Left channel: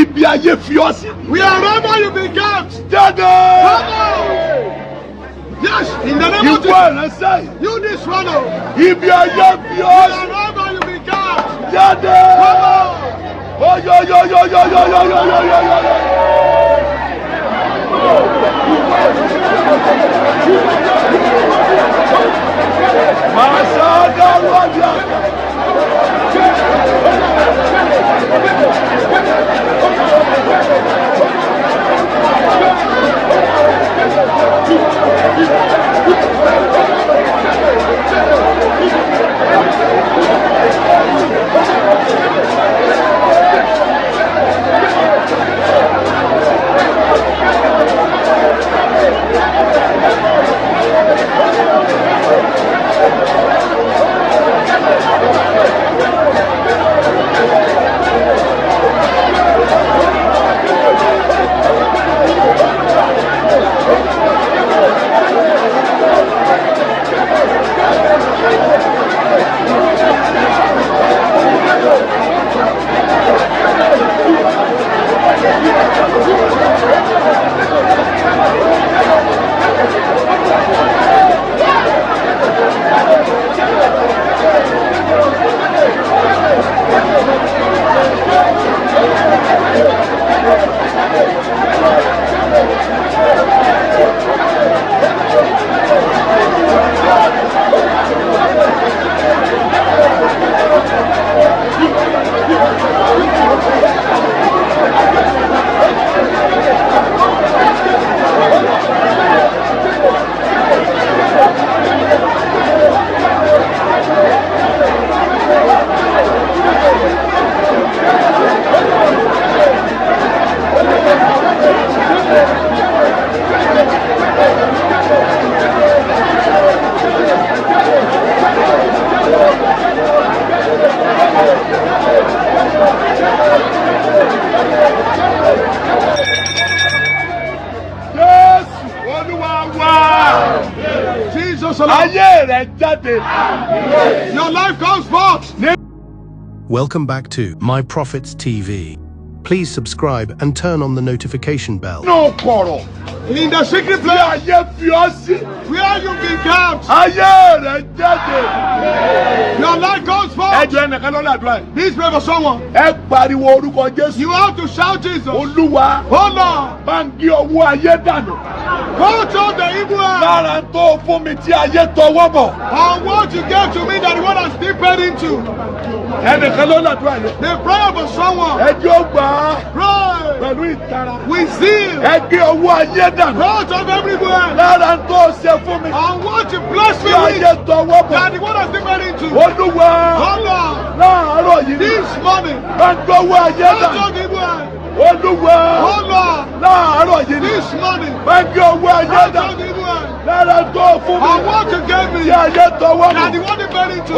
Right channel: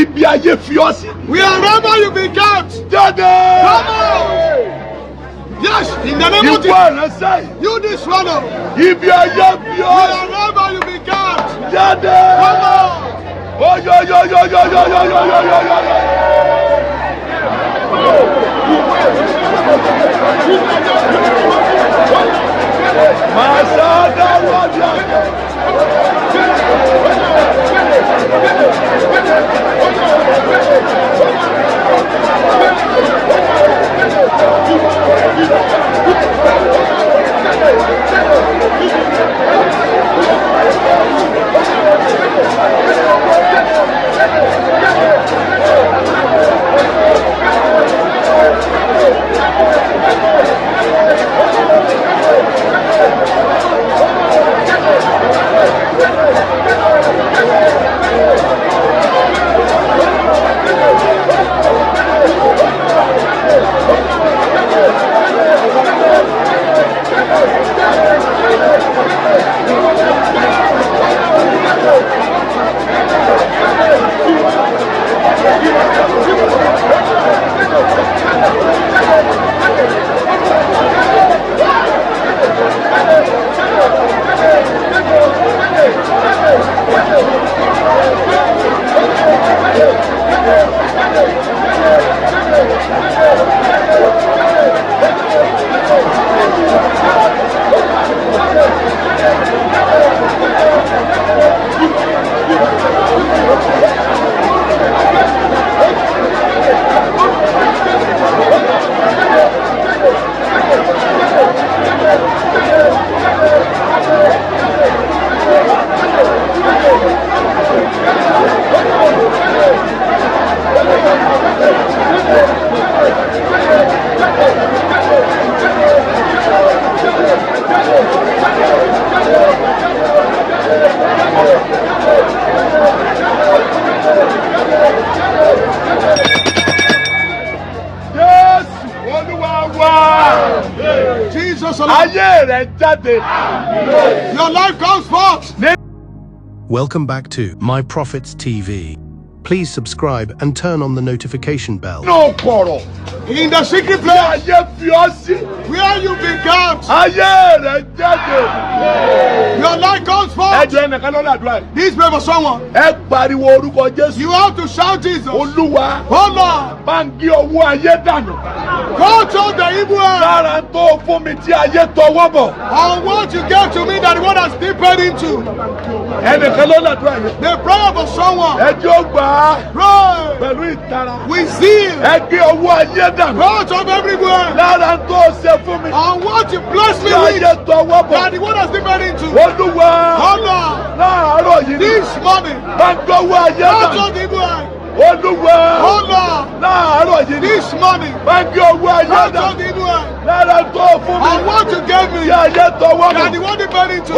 Ibi ayé fi ọ́ sí. Wherever you be kept. Jáde. Yes, in the name of Jesus. Ìwọ ìránṣẹ́ yìí. You this swallow. Ibi ayé fi ọ́ sí. Wherever you be kept. Jáde. Masada Wadiaka. Your life comes forth. Welcome back to My Prophets TV. Please subscribe and turn on the notification bell. No quarrel. In the secret place where you've been kept. Your life comes forth. This pray for someone. You have to shout Jesus. Oh Lord. Hold on the evil end. And what you gave to me that God has deepened into. The prayer for someone. Pray. We zeal. Hold on everywhere. And what you bless me with. That God has deepened into. Oh Lord. This morning. Hold on the evil end. This morning. Hold on the evil end. And what you gave me. That God deepened into.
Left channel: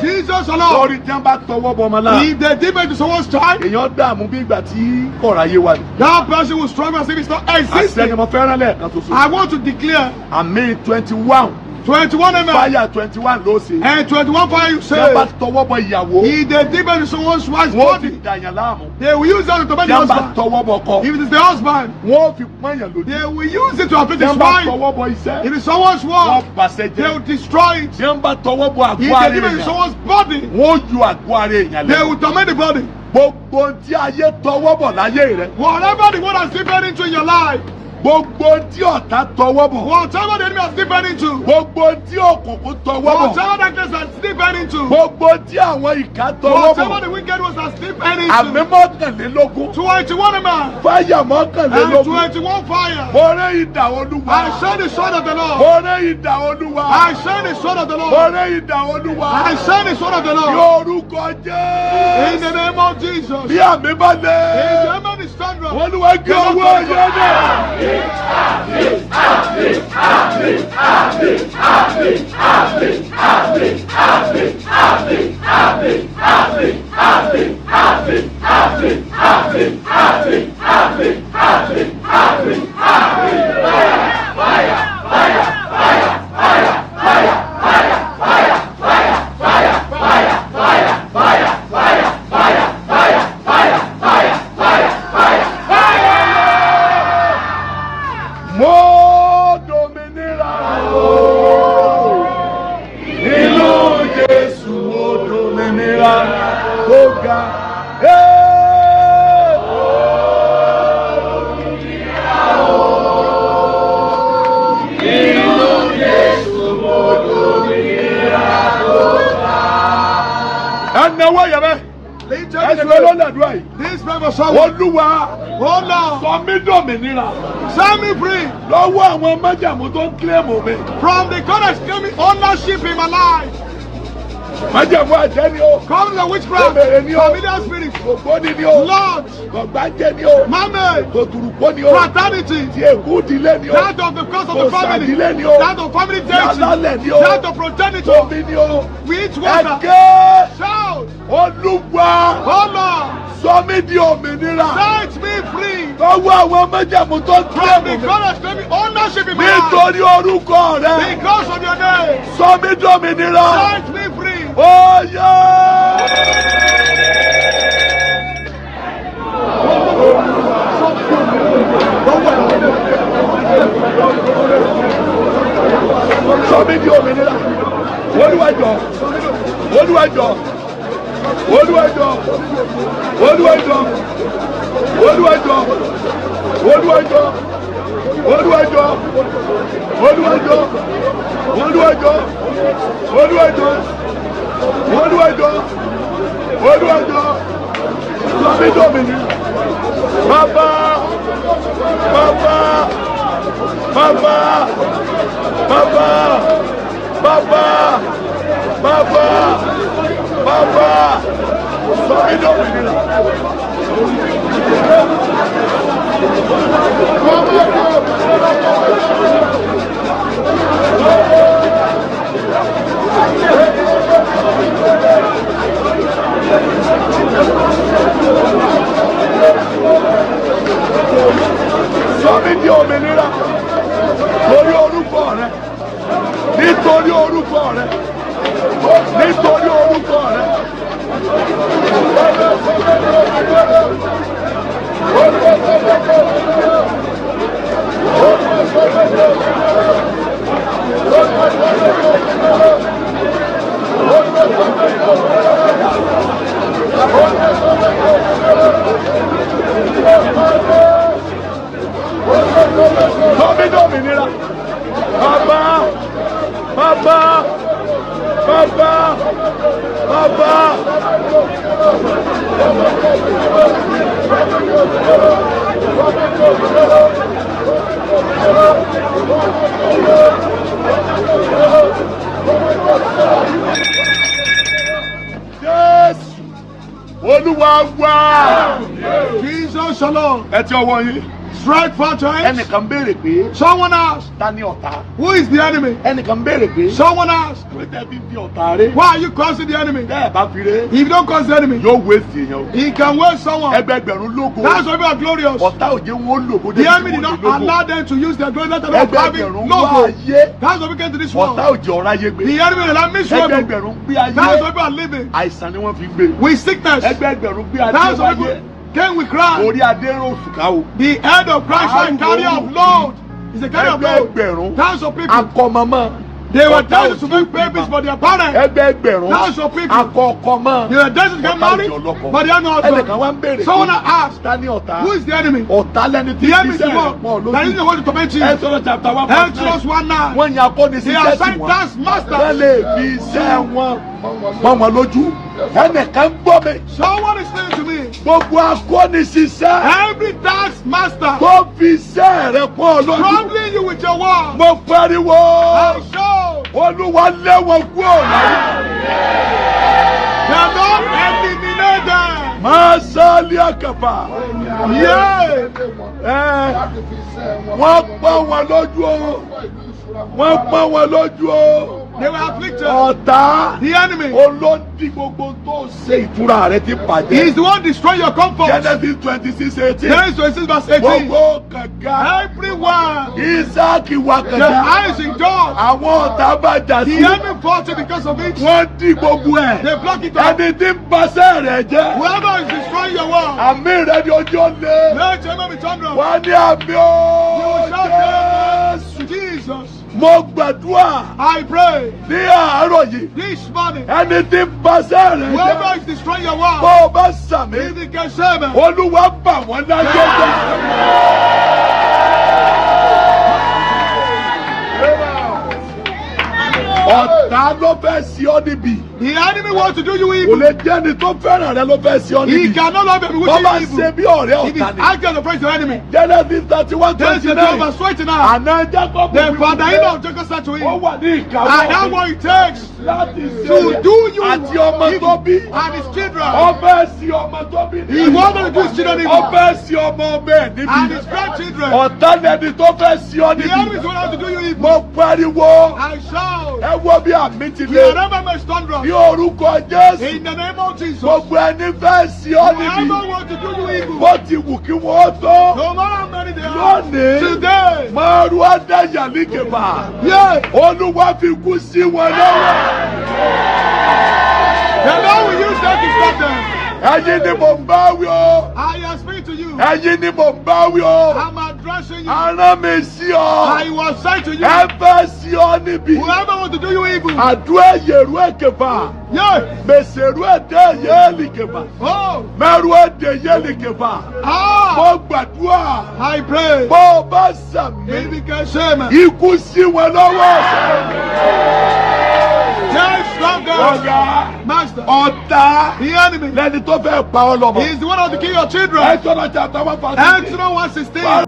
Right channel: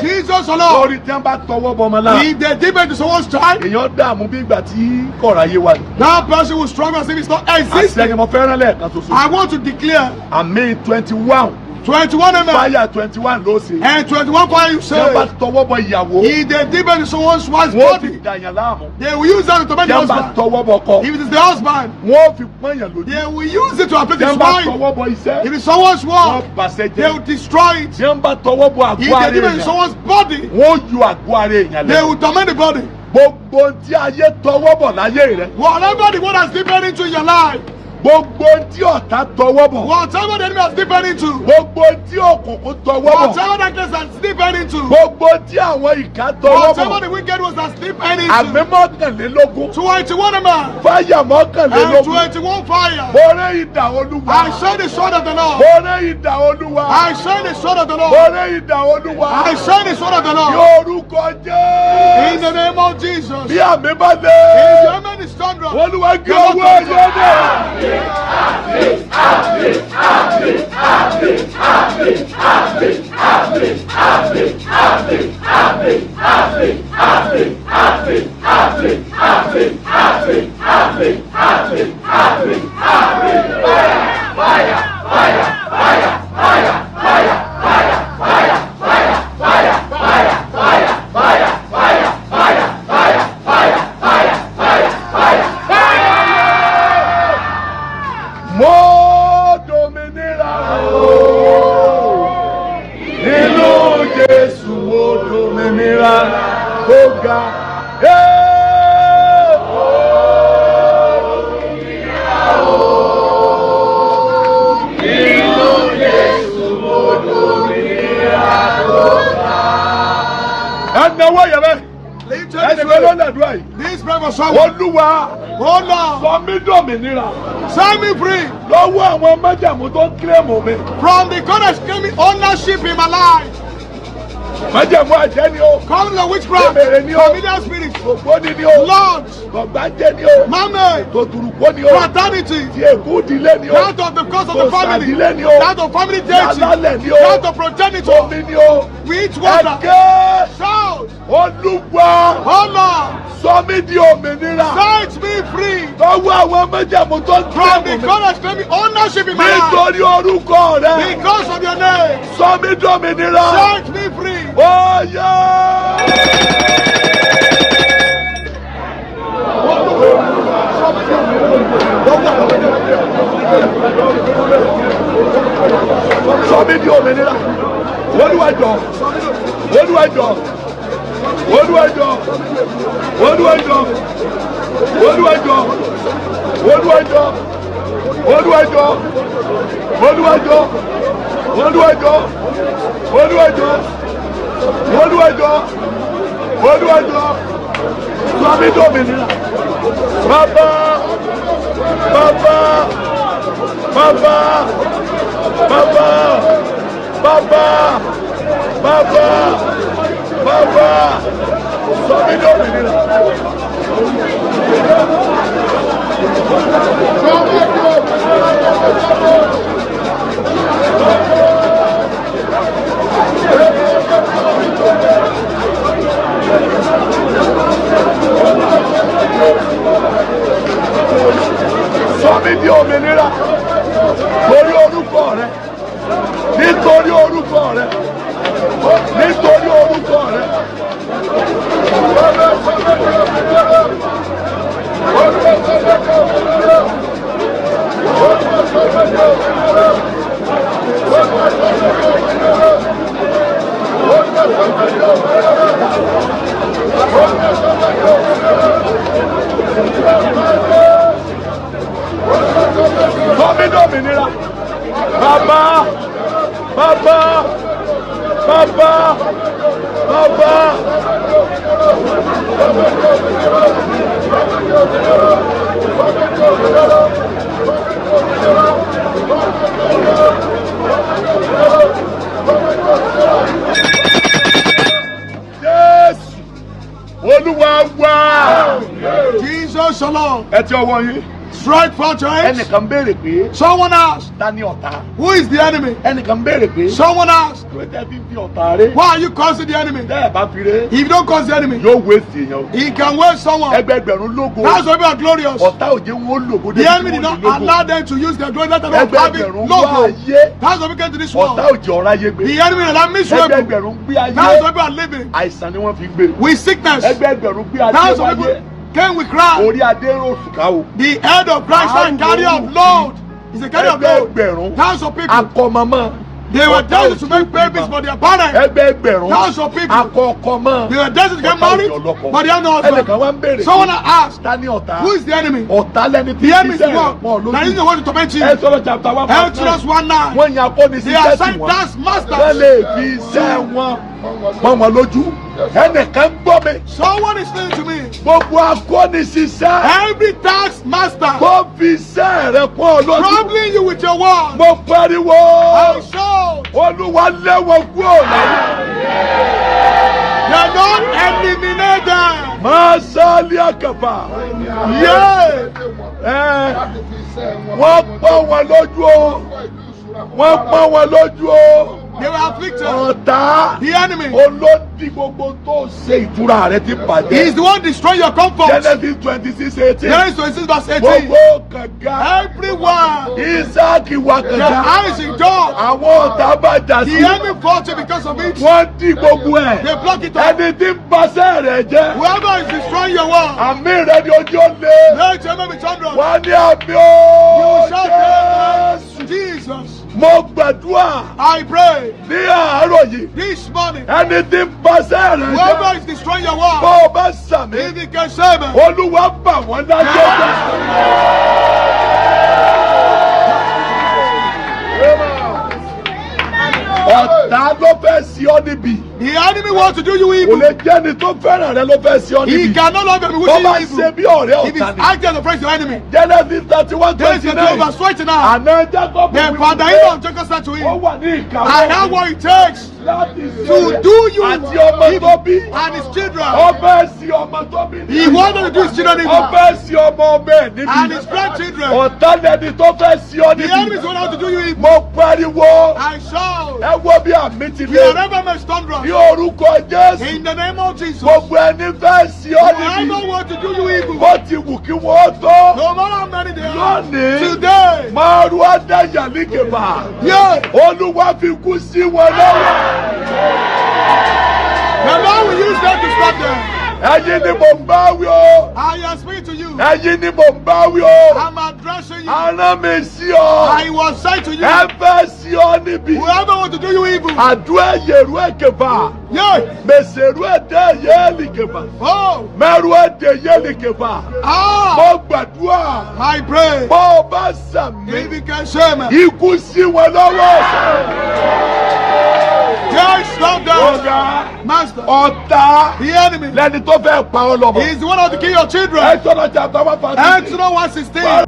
Jesus alone. If they dip into someone's child, that person will struggle as if it's not existing. I want to declare May 21. 21 amen. Fire 21 ló ṣe. And 21 fire you say. Yamba tọwọ́ bọ ìyàwó. If they dip into someone's wife's Wọ́n fi body, dàyàn láàmú. they will use that to make the Yamba husband. tọwọ́ bọ kọ. If it is the husband, Wọ́n fi pọ́nyàn lójú. they will use it to afflict his Yamba wife. tọwọ́ bọ iṣẹ́. If it is someone's Wọ́n work, bàṣẹ they will jẹ́. destroy it. Yamba tọwọ́ bọ If àgọ́ they ara dip into èèyàn. someone's body, Wọ́n ju àgọ́ ara èèyàn they lẹ́nu. will torment the body. Gbogbo tí ayé tọwọ́ bọ̀ láyé rẹ̀. Whatever the one has dipped into your life, Gbogbo tí ọ̀tá tọwọ́ bọ̀. whatever the enemy has dipped into, Gbogbo tí òkùnkùn tọwọ́ bọ̀. whatever darkness has dipped into, Gbogbo tí àwọn ìka tọwọ́ whatever bọ̀. the wicked ones has dipped Àmì into, mọ́kànlélógún. 21 amen. Fáyà And mọ́kànlélógún. 21 fire. Mo rẹ́ idà Olúwa. I share the sword of the Lord. Mo rẹ́ idà Olúwa. I share the sword of the Mo Lord. rẹ́ idà Olúwa. I share the sword of the Lord. Yorùkọ In the Jésù. name of Jesus. Bí àmì bá If the lé. amen is stronger, Olúwa gé owó ẹyẹ náà. Mo dominira o. Nínú Jésù mo dominira tó ga. Ẹnáwó yẹ bẹ́ẹ̀. lift Ẹni your bẹ́ẹ̀ ló voice. lẹ́dúrà yìí. This brother someone, Olúwa oh Lord, sọ mí dòmìnira set me free lọ́wọ́ àwọn májàmú tó ń kílẹ̀mù mi. from the current claiming ownership in my life. Májàmú àjẹ́ ni o. Come the witchcraft, Ebèrè ni o. familiar spirit, Ògbóni ni o. Lord, Gbọ̀ngbájẹ́ ni o. Mame, Tòtùrùkọ́ ni o. fraternity, Ti èkú ìdílé ni o. that of the cause of the family, Òsàdílé ni o. that of family Yàlálẹ̀ deity, ni o. that of progenitor, Tómi ni o. with water, Ẹ̀kẹ́ shout, Olúwa oh Lord, sọ mí di òmìnira set me free lọ́wọ́ àwọn májàmú tó ń from kílẹ̀mù the mi. current claiming ownership in my life. Nítorí orúkọ rẹ Because of your name, sọ mí dòmìnira. set me free. Ó yá. Sọ mí di òmìnira. Olúwa jọ̀ọ́. Olúwa jọ̀ọ́. Olúwa jọ̀ọ́. Olúwa jọ̀ọ́. Olúwa jọ̀ọ́. Olúwa jọ̀ọ́. Olúwa jọ̀ọ́. Olúwa jọ̀ọ́. Olúwa jọ̀ọ́. Olúwa jọ̀ọ́. Olúwa jọ̀ọ́. Olúwa jọ̀ọ́. Sọ mí di òmìnira. Bàbá. Bàbá. Bàbá. Bàbá. Bàbá. Bàbá. Bàbá. Sọ mí di òmìnira. Sọ mí di òmìnira. Torí orúkọ rẹ. Nítorí orúkọ rẹ. Nítorí orúkọ rẹ. Sọ mí di òmìnira. Bàbá. Bàbá. Bàbá. Bàbá. Jésù Olúwa wá. Jesus shalom. Ẹ ti ọwọ́ yín. tried 4 times. Ẹnìkan béèrè pé. Someone asked. Ta ni ọ̀tá? Who is the enemy? Ẹnìkan béèrè pé. Someone asked. Kí ló tẹ́ fi ń fi ọ̀tá ré? Why are you causing the enemy? Bẹ́ẹ̀ bá fi ré. If you don't cause the enemy, Yóò waste èèyàn o. he can waste someone. Ẹgbẹgbẹ̀rún lógo. That's why we are glorious. Ọ̀tá òjé wọn lògo The débi tí enemy did wọ́n not lè lógo. allow them to use their glory. Not having Ẹgbẹgbẹ̀rún wá logo. ayé. That's why we came to this world. Ọ̀tá òjé ọ̀rá yé gbé. The enemy allowed miserable. Ẹgbẹgbẹ̀rún gbé That's ayé. why we are living. Àìsàn ni wọ́n fi gbé. With sickness. Ẹgbẹgbẹ̀rún gbé ayé That's why wáyé. we came with cry. Orí adé rò sùkà o. The head of Christ is a carrier of load. He's a carrier of load. Ẹgbẹgbẹ̀rún. Thousands of people. Akọmọmọ. They were Ọ̀tá destined to òjò make babies bímọ. for their parents. Ẹgbẹgbẹ̀rún. Thousands of people. Akọkọmọ. They were destined to get Ọ̀tá married, òjò ọlọ́kọ. but they are not husband. Ẹnìkan wá ń béèrè. Someone asked, Ta ni ọ̀tá? who is the enemy? Ọ̀tá lẹni tí The enemy is ṣiṣẹ́ the rẹ̀ one pọ̀ that is the lójú. one to torment you. Exodus chapter 1 verse 9. Exodus 1:9. Wọ́n yan akóni sí They are jẹ́sì sent wọn. taskmasters. Wọ́n lè fi iṣẹ́ wọn pọ́n wọn lójú. Ẹnìkan gbọ́ mi. Someone is saying to me, Gbogbo akóni ṣiṣẹ́ every taskmaster tó fi iṣẹ́ rẹ̀ pọ́n lójú. troubling you with your word, Mo pariwo. I show Olúwa lé wọn kúrò láyé. they are not eliminated. Máa sálí àkàfà. Yeah. Wọ́n pọ́n wọn lójú o. Wọ́n pọ́n wọn lójú o. They were afflicted. Ọ̀tá. The enemy Olódì gbogbo tó ṣe ìtura rẹ ti is bàjẹ́. the one destroying your comfort. Genesis 26:18. Genesis 26 verse 18. Gbogbo kànga. Everywhere Isaac wà the kànga. eyes in door, Àwọn ọ̀tá bá jà the sí. enemy fought it because of it. Wọ́n dí gbogbo ẹ̀. They block it up. Ẹni tí ń baṣẹ́ rẹ̀ jẹ́. Whoever is destroying your word, Àmì rẹ̀ ni ojú ó lé. let your enemy be thunderous. Wọ́n ní àmì ó Shout Jésù. Jesus, Mo gbàdúrà I pray ní àárọ̀ yìí. this morning, Ẹni tí ń baṣẹ́ rẹ̀ whoever jẹ́. is destroying your word, Bó o bá sàmì. if he can save it, Olúwa bà wọ́n láyé jẹ́. Ọ̀tá ló fẹ́ sí ọ níbi. the enemy wants to do you Kò evil. lè jẹ́ ẹni tó fẹ́ràn rẹ ló fẹ́ sí ọ He níbi. cannot love you Tó bá wishing ṣe evil. bí ọ̀rẹ́ If he's ọ̀tá ni. acting as a friend to your enemy, Genesis 31:29. Genesis 12 verse 29. Àná Jacob The father-in-law of Jacob said to ó him, wà ní ìkàwé I have what it takes láti to ṣe do you àti ọmọ tó bí. and his children. Ọbẹ̀ sí ọmọ tó bí. He wanted to do his children evil Ọbẹ̀ sí ọmọ ọmọ ẹ̀ and níbi. his grandchildren. Ọ̀tá lẹni tó fẹ́ sí ọ The enemy is níbi. going to do you evil. Mo pariwo. I shout, Ẹ wo bí àmì ti you are lé. never my thunderous. Ní orúkọ Jésù. In the name of Jesus, Gbogbo ẹni fẹ́ sí ọ níbi. whoever wants to do you evil, Bó ti wù kí wọ́n tó. no matter how many they are, Lónìí. today, Márùn Adáyà ní kèfà. yeah, Olúwa fi kú sí wọn lọ́wọ́. the Lord will use them to stop them. Ẹ̀yin ni mò ń bá wí o. I am speaking to you. Ẹ̀yin ni mò ń bá wí o. I'm addressing you. Arán mi sí ọ. I was saying to you, Ẹ fẹ́ sí ọ níbi. whoever wants to do you evil, Àdúrà yèrú èkèfà. yeah, Mèsèrú èdè yéèlì kèfà. oh, Mẹ́rù èdè yéèlì kèfà. ah, Mo gbàdúrà. I pray. Bó o bá If sàmì. you can share me, Ikú sí wọn lọ́wọ́. yes, stop them. Ọ̀gá. Master, Ọ̀tá. the enemy Lẹ́ni tó fẹ́ pa ọ lọ́mọ. is the one of the kill your children. Exodus chapter 1 verse 16. Exodus 1:16.